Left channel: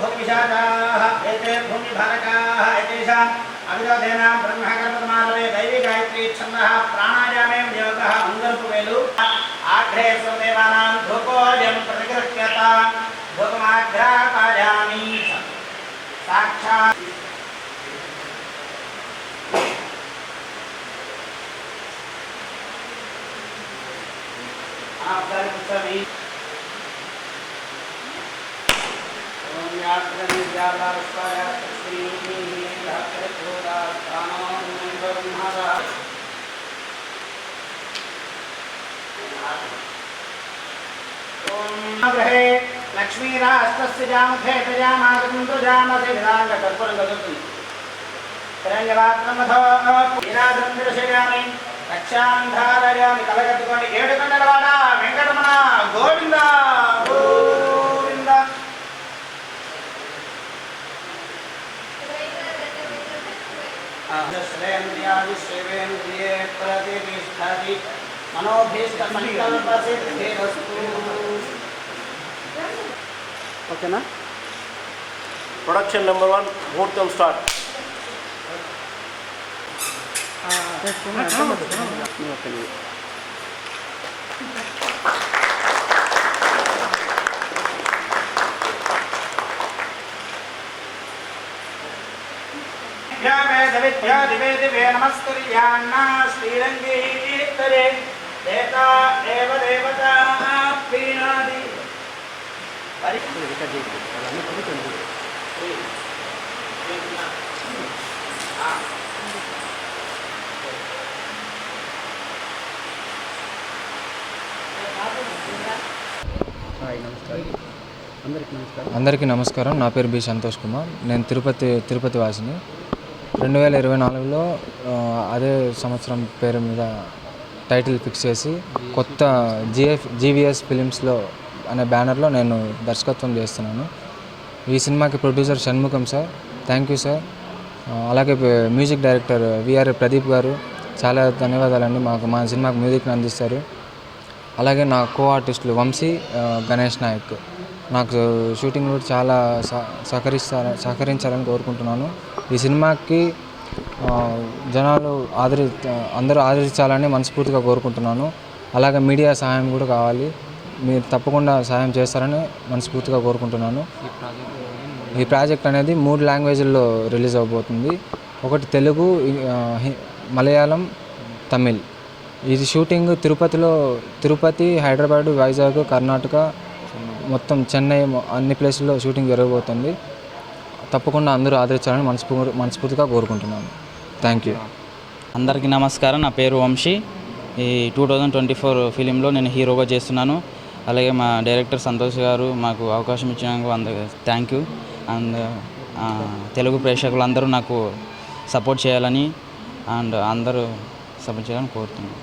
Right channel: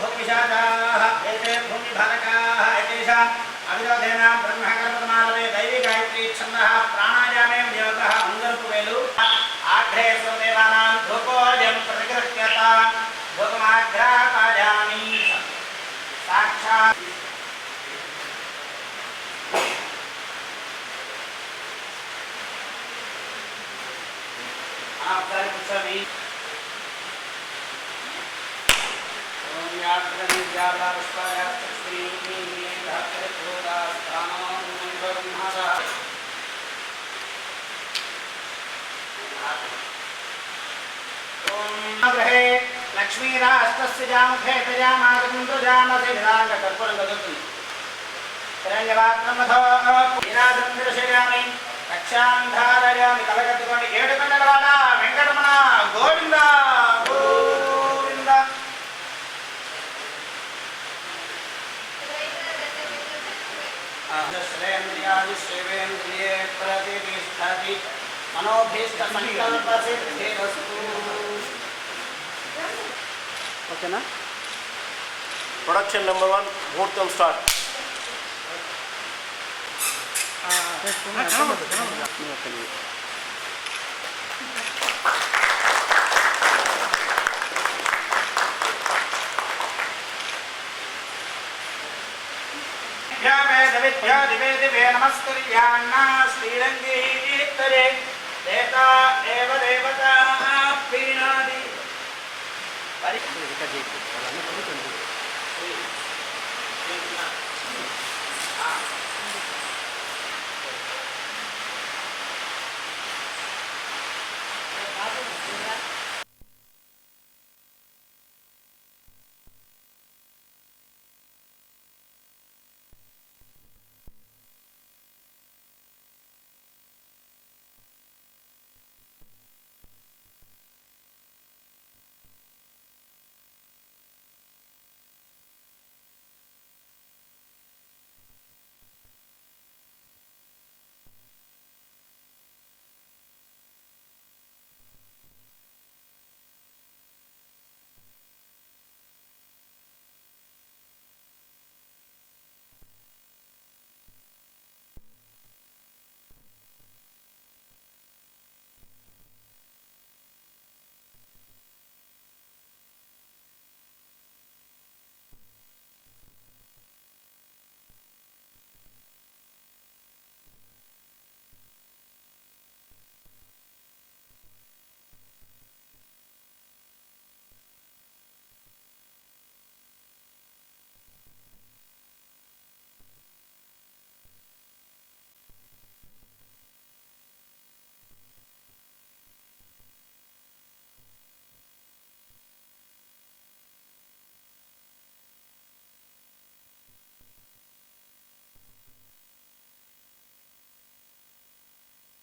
भूमिशाचाः एते भूमिभारकाः एतेषाम् अविरोधेनां ब्रह्मकर्ममालवे दैवी गायत्री छन्दः प्राणायामे विनियोगः मङ्गलपुवेलु आघ्रे स्वदेवानां धूपोऽयं प्रतिगृह्यता धूपमाघ्रापयामि साक्षात् आपदारिपुच्छामि ओम ग्रहे लक्ष्मीराष्ट्रस्य जामुखे तजामागन्तुजामसे विदाङ्गकर्पूरं ददतु तरङ्गवात्रमथो वीराधं दर्शयामि रक्षां धारयामि कलकत्तुकोंडि ఏడుకొండలవాడ వెంకటరమణ గోవింద గోవింద श्रेवेन्द्रिये प्रतिष्ठति मनोभीष्टसङ्कल्पसिद्धिरस्तु ओकेना प्रोडक्शन नंबर 1 मुहूर्तम स्टार्ट विद्या दिवे दिवे नमस्कुर्यान्ना श्रीरङ्गे तरे देवता एव देवता प्रीणादि అందరికీ నమస్కారం. నా పేరు బి సంతోష్ కుమార్. నేను తిరుపతి వాసిని. 2024లో అదే సంవత్సరం పేరు మీద టైటిల్ ఫిక్స్ చేసి కొత్త జీవీఎస్ ఫిలిమ్స్లో అనే బ్యానర్లో నేను దర్శకత్వం చేస్తున్నాను. ఈ సినిమాకి producer Shanmukham sir, thank you sir. అలాగే మ్యూజిక్ డైరెక్టర్ విఆర్ ప్రదీప్ గారు, చాలా ధన్యవాదాలండి. మా సినిమాకి మ్యూజిక్ని అందిస్తారు. అలాగే నా కో ఆర్టిస్టులు వంశీ, గణేష్ నాయక్ నాకు షూటింగ్ కూడా చాలా సహకరించాలని కోరుకుంటున్నాను. ఈ సినిమాకి జనాలు అందరూ ఆదరించాలని మనస్ఫూర్తిగా కోరుకుంటున్నాను. అలాగే మీడియా సహాయం కూడా కావాలి. మీరు తప్పకుండా సహాయం చేస్తారని మనస్ఫూర్తిగా కోరుకుంటున్నాను. ఈ ప్రాజెక్ట్ అనేది 3 లాంగ్వేజ్ల్లో రిలీజ్ అవబోతుంది. ఒకటి తెలుగు, మలయాళం, తమిళ్. ఇది షూటింగ్ తిరుపతి, హైదరాబాదు, వైజాగ్, కర్ణాటక, మొత్తం చెన్నై అన్ని ప్లేసుల్లో షూటింగ్ జరగబోతుంది. తప్పకుండా అందరూ ఆదరించాలని మనస్ఫూర్తిగా కోరుకుంటున్నాను. Thank you. అందరికీ నమస్కారం. నా పేరు వంశీ. ఈ 2024 ఫిలింలో నేను హీరోగా చేస్తున్నాను. అలాగే మా డైరెక్టర్ సంతోష్ గారు మాకు అవకాశం ఇచ్చినందుకు అందరికీ థ్యాంక్ యూ. అండ్ తెలుగు ప్రేక్షకులందరూ నాకు సపోర్ట్ చేయాలని అందరూ సపోర్ట్ చేయాలని కోరుతున్నాను.